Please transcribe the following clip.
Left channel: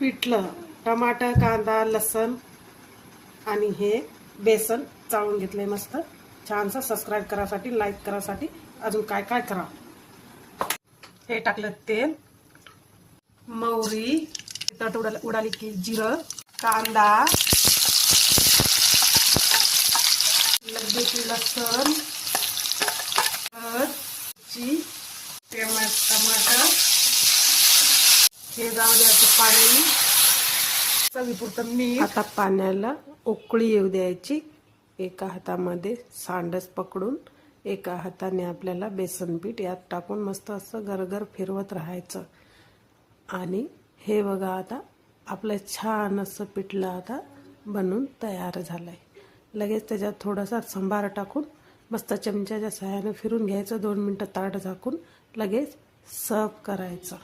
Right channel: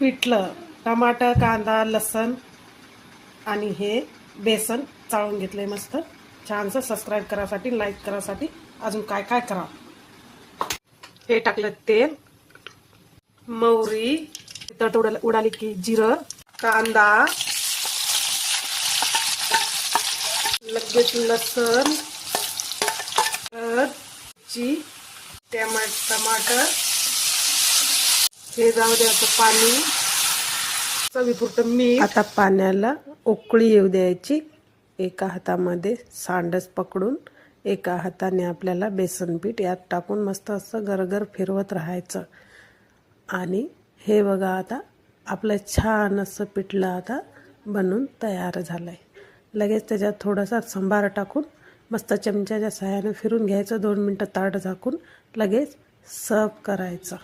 पिठलं टमाटर, कांदा, लसण आणि हे बेसन चाळून घेतले मस्त छानसं. सबस्क्राईब करासाठी, लाईक करासाठी, अजून काय काय करा. हे टाकलं तेल, मोहरी, तिखट उडाली की जिरं, कांदा, लगेच लसण, मिरची, टमाटर, हे जाऊ द्यायचं पाणी, चवीपुरतं मीठ. आता पाण्याला उकळी येऊ द्यायची. एका हातामध्ये सांडस पकडून एका हाताने आपल्याला बेसन पीठ यात टाकून मस्त असं गरगर फिरवत राहायचं. आणि हे बघा आता आपलं छान असं पिठलं आता बनून तयार झालं आहे. लगेच त्याच्यात थोडासा संभार टाकून मस्त चमच्याच्या सहाय्याने फिरून घ्यायचं. 2 मिनटं ताट झाकून लगेच सर्व करायचं.